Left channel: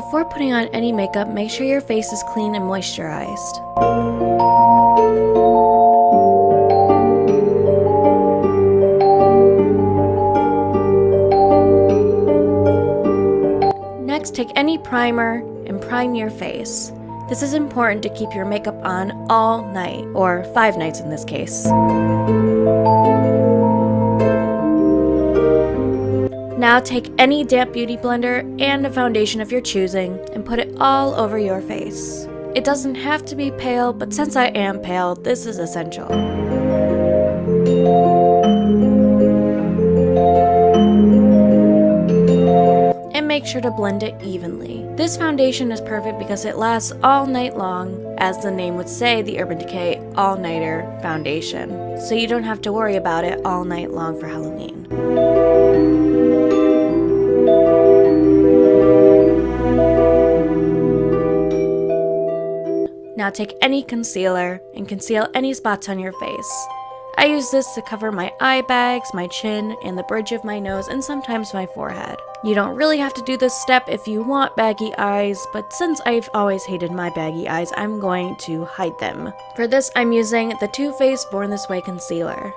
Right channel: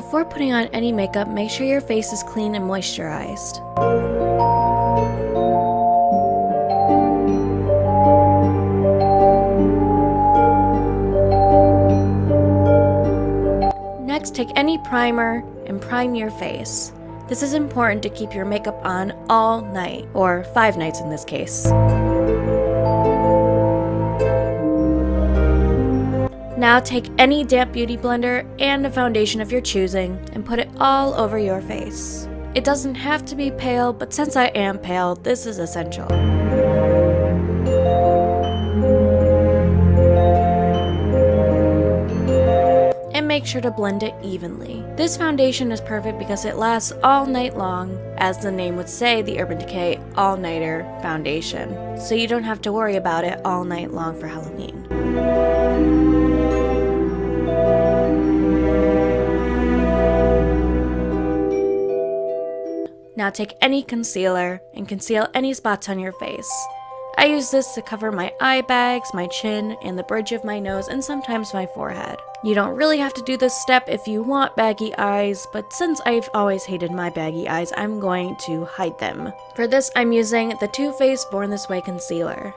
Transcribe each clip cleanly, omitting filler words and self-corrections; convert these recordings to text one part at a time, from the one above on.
Before putting on any makeup, make sure your face is clean and moisturized. Next, take any primer and prime your face. This is important to keep your makeup on all night, or 5 nights in this case. Now take any damp beauty blender and a foundation of your choosing and put it all over your face. It doesn't have to be pale, but since I am pale, this is essential. And make sure to blend it evenly. This foundation is perfect because it lasts all night long, as the name would say, the Urban Decay All-Nighter Foundation. So you don't have to worry about it all night long for Halloween. Now take any concealer and conceal any spots on your face. I use this to cover my eye bags, my chin, and the bridge of my nose, and sometimes my forehead. You don't really have to do this step if you want baggy eyes, but since I've always hated my baggy eyes, I'm going to hide them. For this, I'm using the Too Faced Born This Way Concealer.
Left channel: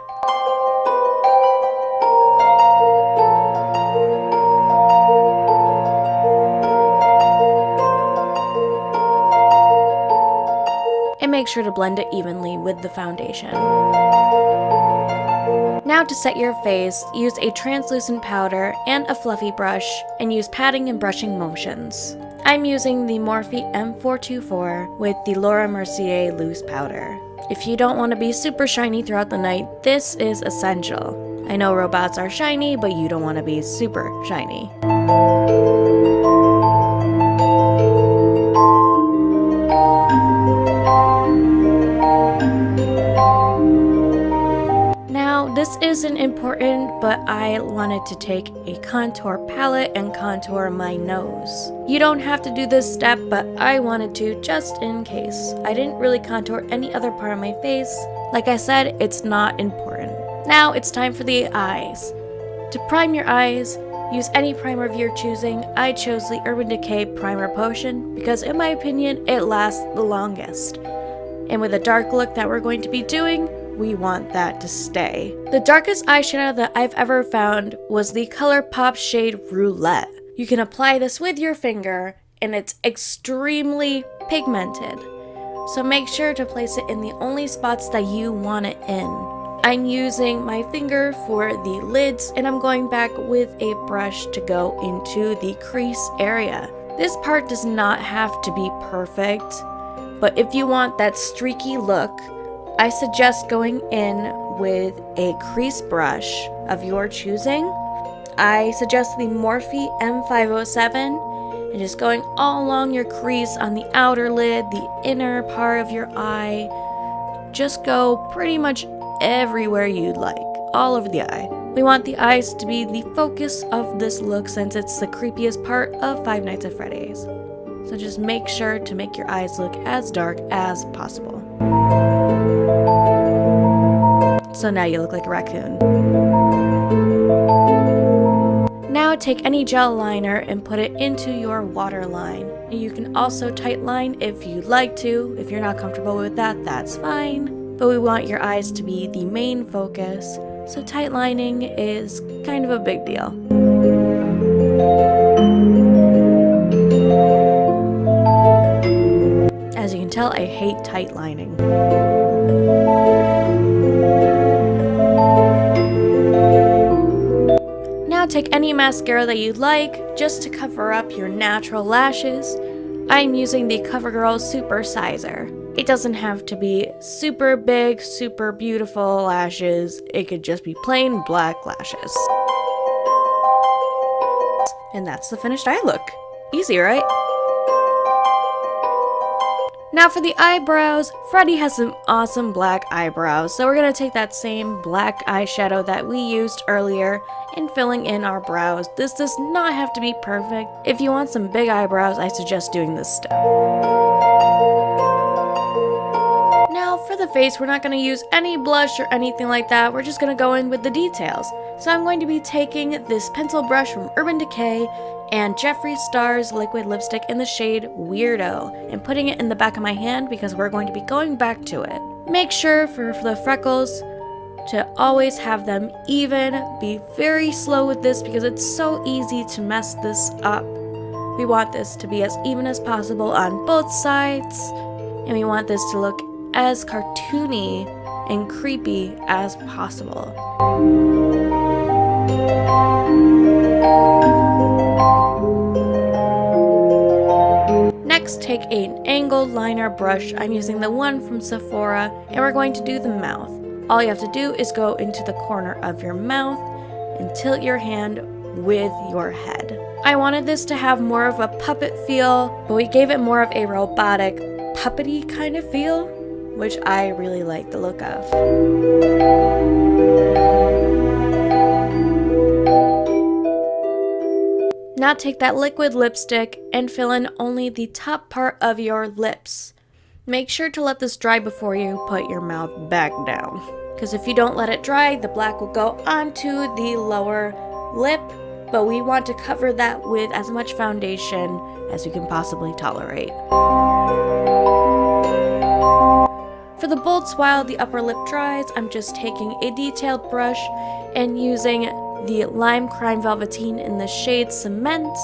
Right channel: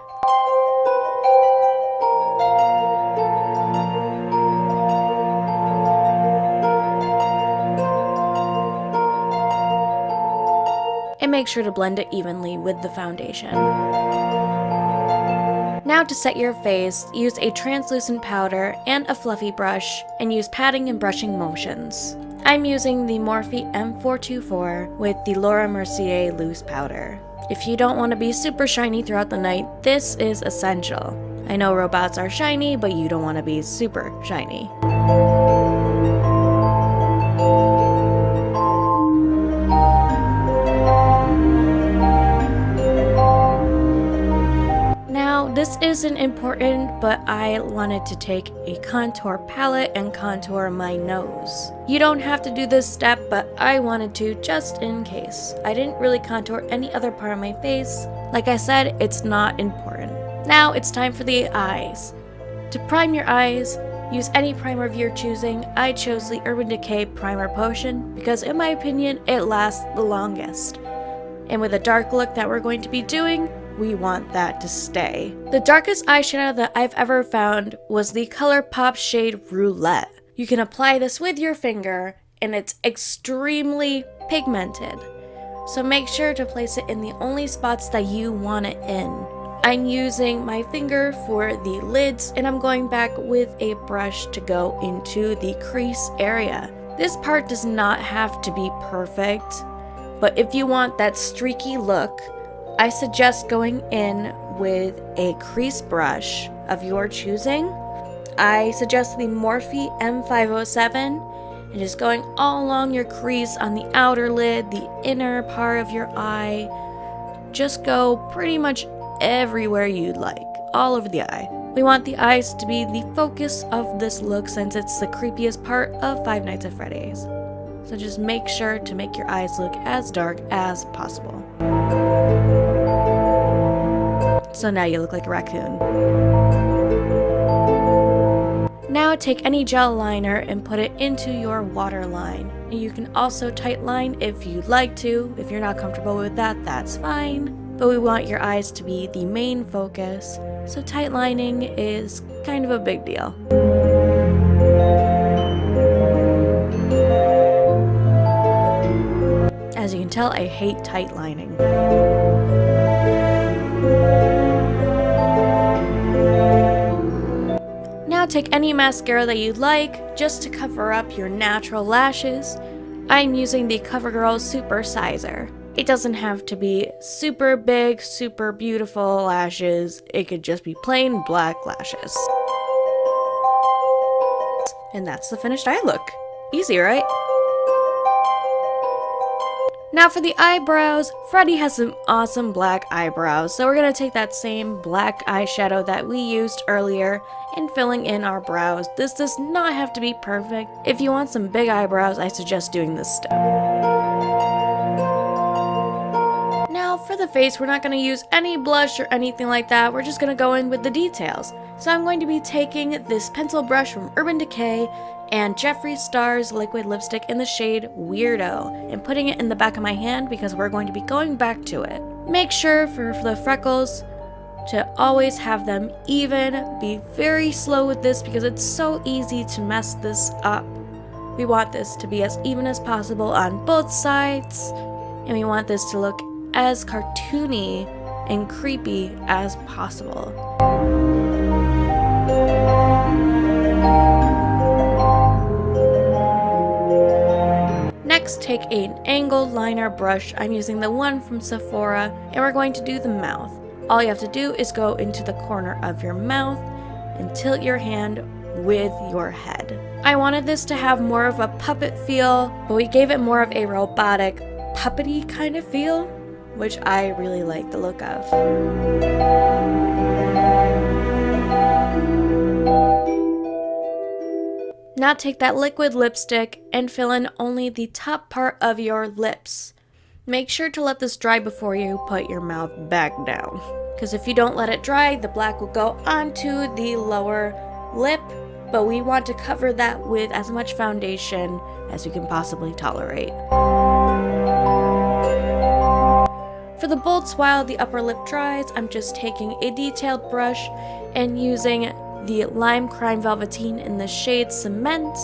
And make sure to blend it evenly with the foundation. Now to set your face, use a translucent powder and a fluffy brush, and use patting and brushing motions. I'm using the Morphe M424 with the Laura Mercier loose powder. If you don't want to be super shiny throughout the night, this is essential. I know robots are shiny, but you don't want to be super shiny. This isn't important, but I wanted to take a contour palette and contour my nose. You don't have to do this step, but I wanted to just in case. I didn't really contour any other part of my face. Like I said, it's not important. Now it's time for the eyes. To prime your eyes, use any primer of your choosing. I chose the Urban Decay Primer Potion because in my opinion, it lasts the longest. And with a dark look that we're going to be doing, we want that to stay. The darkest eyeshadow that I've ever found was the Colourpop shade Roulette. You can apply this with your finger and it's extremely pigmented. So make sure to place it in the only spots that you want it in. I'm using my finger for the lids and I'm going back with a brush to go into the crease area. This part does not have to be perfect, but if you want that streaky look, I suggest going in with a crease brush of your choosing. I suggest the Morphe M507 and just going all along your crease on the outer lid, the inner part of your eye. Just go pretty much everywhere you'd like, all over the eye. We want the eyes to be the focus of this look since it's the creepiest part of Five Nights at Freddy's. So just make sure to make your eyes look as dark as possible. So now you look like a raccoon. Now take any gel liner and put it into your waterline. You can also tightline if you'd like to. If you're not comfortable with that, that's fine. But we want your eyes to be the main focus, so tightlining is kind of a big deal. As you can tell, I hate tightlining. Now take any mascara that you'd like just to cover up your natural lashes. I'm using the Covergirl Super Sizer. It doesn't have to be super big, super beautiful lashes. It could just be plain black lashes. And that's the finished eye look. Easy, right? Now for the eyebrows, Freddy has some awesome black eyebrows, so we're going to take that same black eyeshadow that we used earlier and filling in our brows. This does not have to be perfect. If you want some big eyebrows, I suggest doing this step. Now for for the face, we're not going to use any blush or anything like that. We're just going to go in with the details. So I'm going to be taking this pencil brush from Urban Decay and Jeffree Star's liquid lipstick in the shade Weirdo and putting it in the back of my hand because we're going to be going back to it. Make sure for the freckles to always have them even. Be very slow with this because it's so easy to mess this up. We want this to be as even as possible on both sides, and we want this to look as cartoony and creepy as possible. Next, take an angled liner brush. I'm using the one from Sephora, and we're going to do the mouth. All you have to do is go into the corner of your mouth and tilt your hand with your head. I wanted this to have more of a puppet feel, but we gave it more of a robotic, puppety kind of feel, which I really like the look of. Now take that liquid lipstick and fill in only the top part of your lips. Make sure to let this dry before you put your mouth back down, because if you don't let it dry, the black will go onto the lower lip, but we want to cover that with as much foundation as you can possibly tolerate. For the bolts while the upper lip dries, I'm just taking a detailed brush and using the Lime Crime Velvetine in the shade Cement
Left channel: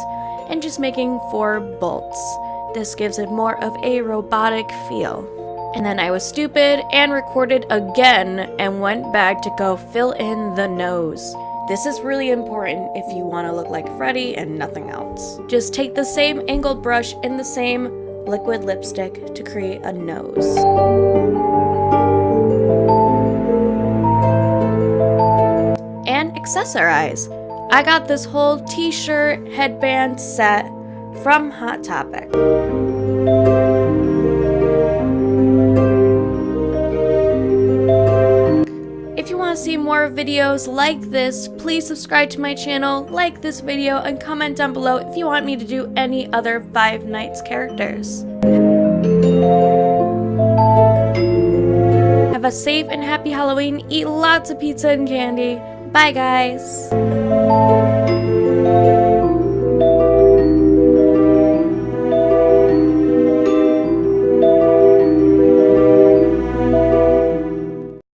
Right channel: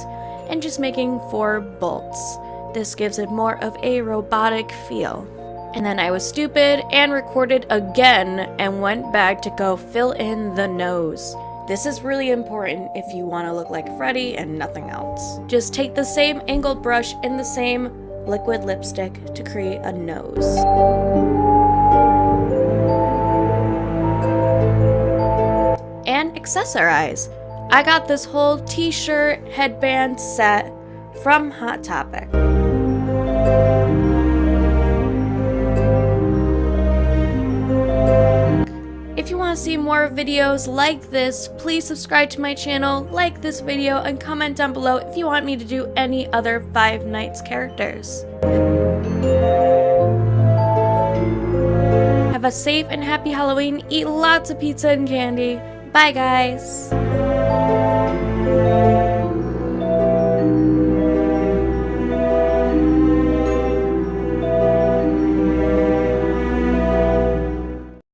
and just making 4 bolts. This gives it more of a robotic feel. And then I was stupid and recorded again and went back to go fill in the nose. This is really important if you want to look like Freddy and nothing else. Just take the same angled brush in the same liquid lipstick to create a nose. And accessorize. I got this whole t-shirt headband set from Hot Topic. If you want to see more videos like this, please subscribe to my channel, like this video, and comment down below if you want me to do any other Five Nights characters. Have a safe and happy Halloween, eat lots of pizza and candy. Bye guys!